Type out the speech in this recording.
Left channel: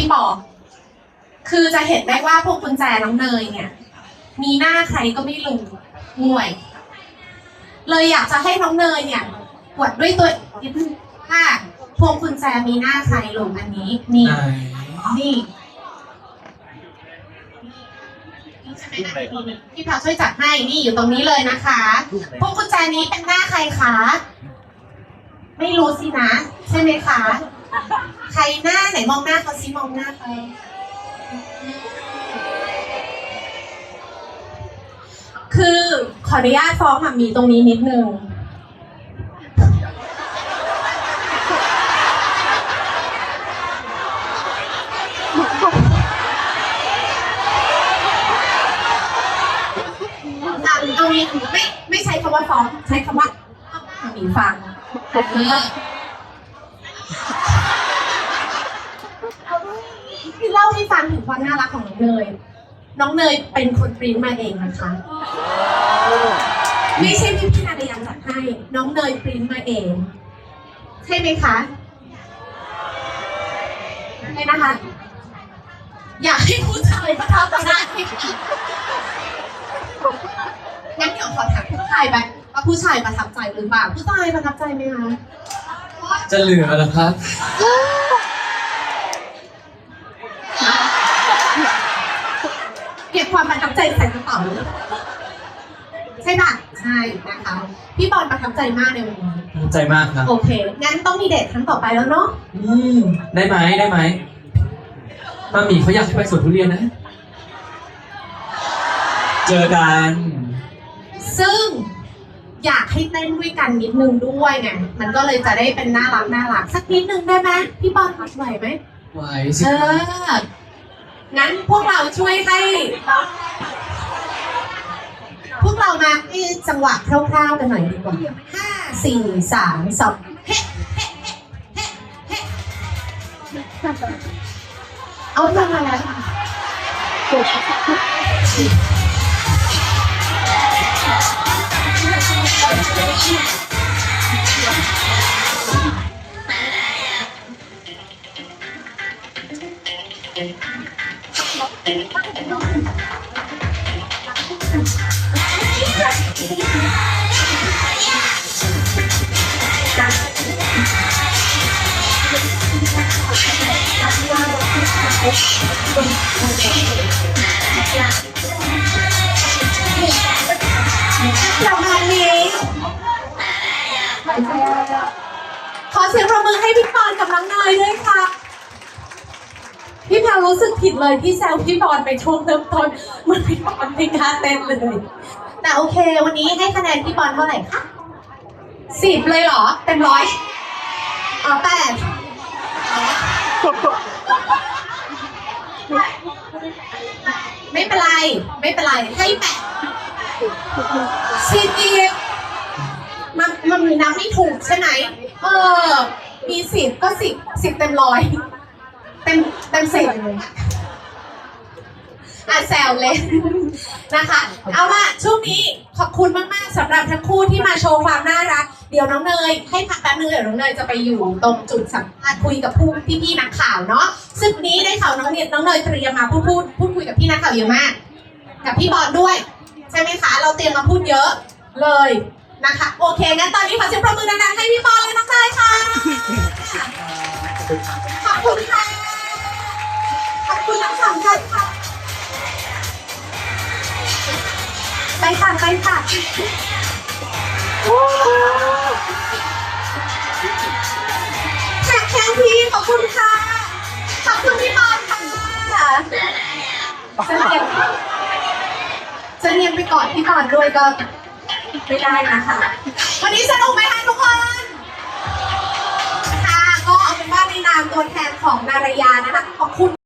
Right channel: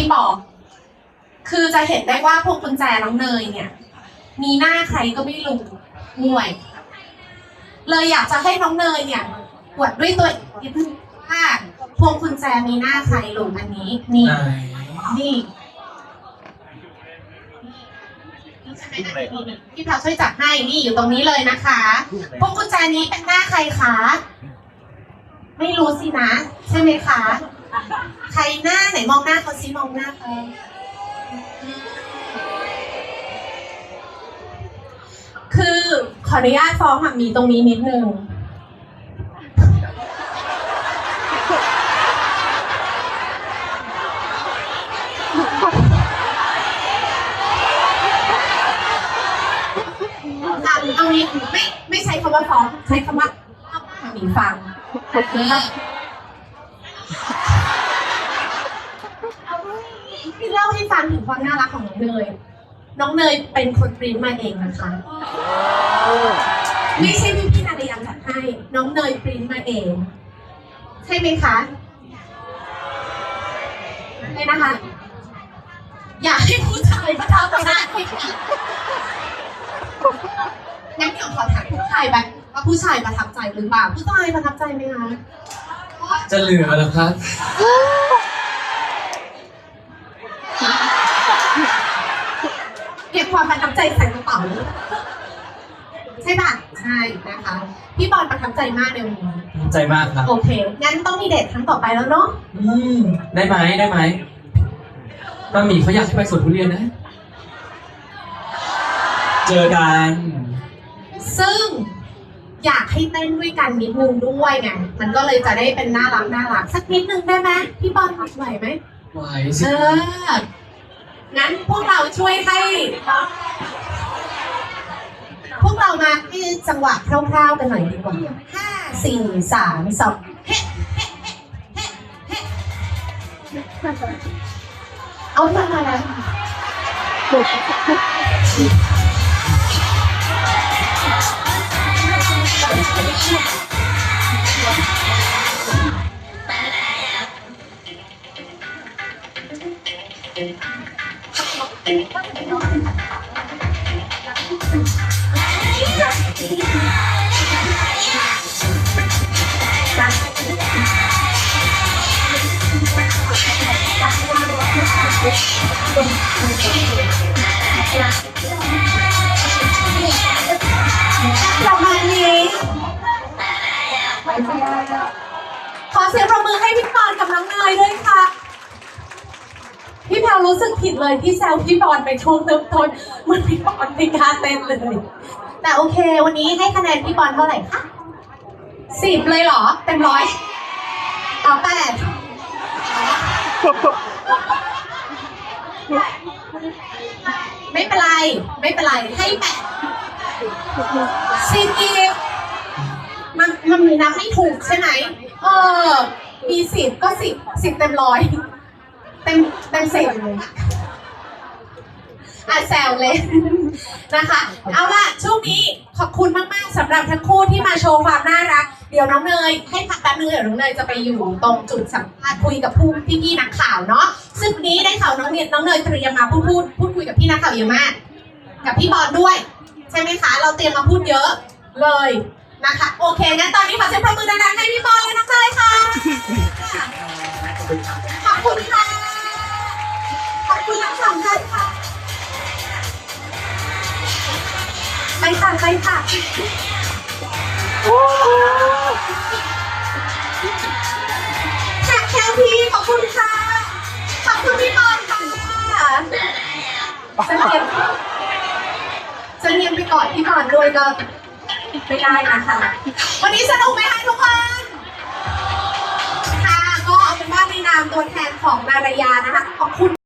พี่บอก คือจะเห็นได้ว่าพวงกุญแจน้องเนยเนี่ย มีหน้าใครก็ไม่รู้ห่วย เลยอยากจะให้น้องเนยเนี่ยกดด้วยตัวเองว่าพวงกุญแจมีหน้าใครลงอันนี้ นี่ไหนนี่นี่ใช่ไหมอันนี้พี่พาวช่วยจัดให้นี่อยู่ตรงนี้เลยนะคะ พวงกุญแจนี้เป็นหน้าใครคะ ไม่รู้สินะ ใช่ไหมคะ ใครหน้าไหนมองหน้าเขาซิมองหน้าเขาคือขออนุญาตฟ้องหมามีตรงนี้นิดนึง อะเอางี้ไม่ไม่ใช้คำว่าฟ้องใช้คำว่าเล่าให้หมามีฟัง พี่เล่าให้ฟังถึงความน่ารักของน้องเนย น้องเนยเป็นคนปริ้นมาเองนะคะ ไม่ใช่พี่พี่นาดยังจัดให้ น้องเนยปริ้นมาเอง ใช่ไหมคะใช่นะคะ อยากให้ผู้ชายประทับใจงั้นเดี๋ยวขอถามผู้ชายไปว่าผู้ชายประทับใจหรือเปล่า ผู้ชายประทับใจไหมคะ จะเหลือเหรอครับ ก็บความประทับใจใส่กระเป๋าใช่ป่ะใช่นะคะ พี่บอลประทับใจมากในวันนี้ภูมิใจมากครับ โอเค งั้นต้องมีเดทครั้งต่อไปแล้วเนาะอืม ได้ไหมได้ไหมบะหมี่เขาอยากให้ไปสวนทุเรียนนะ เจอกัน ซึ่งอยากให้เต้นด้วยกันนิดนึงด้วยไงมันก็เลยจะได้เป็นน่ารักน่ารักสักนิดนึงได้ไหมพี่บอลไหวไหมไหวเอสิอ งั้นพวกเราช่วยให้ พวกเรามาให้จังหวะคร่าวๆกันหน่อยดีกว่าห้าสี่สามสองเฮ้เฮ้เฮ้เฮ้เอาเรื่องมาแล้ว ระมาณนี้ขอเสียงปรบมือให้พี่ปอนกับน้องเนยด้วยค่ะ รรู้สึกผิดเลยที่แซวพี่ปอนไปช่วงเริ่มต้นเหมันพี่ปอนไม่กล้าเต้นเลย แต่โอเค วันนี้ให้คะแนนพี่ปอนเท่าไหร่คะสิบเลยเหรอ เต็มร้อยอ๋อแปดไม่เป็นไร ไม่เป็นไร ให้แปดสิบอีกมันมันมีนับไม่ถูกใช่ไหมเออ มีสิบก็สิบสิบเต็มร้อย เต็มเต็มสิบอะแซวเลยนะคะ เอาล่ะช่วงนี้ขอบคุณมาก ๆสำหรับทั้งคู่ที่มาโชว์ความน่ารัก เดี๋ยวน้องเนย ให้พักแป๊บนึงเดี๋ยวน้องเนยจะไปอยู่ตรงจุดสัมภาษณ์คุยกับผู้พี่ๆนักข่าวเนาะซึ่งวันนี้ได้ข่าวน้องเนยน้องเนยเตรียมมาพูดพูดพูดคุยกับพี่นักข่าวเยอะมาก กับพี่บอลด้วย ใช่ไหมคะ เราเตรียมมาพูดเยอะเลยนะคะ โอเคงั้นตอนนี้ขอเสียงปรบมือดังๆให้พี่บอลและน้องเนยค่ะขอบคุณค่ะ ขอบคุณทั้งสองท่านค่ะไปค่ะไปค่ะแขกแขกพี่ขอบคุณค่ะ ขอบคุณพี่บอลค่ะจะเรียนจะเรียนไปก่อนพี่บอลด้วยก็ไม่ได้นะคะวันนี้สนุกไหมคะทุกคนค่ะก็เอาเป็นว่าในนามตัวแทนของนารยานะคะขอบคุณ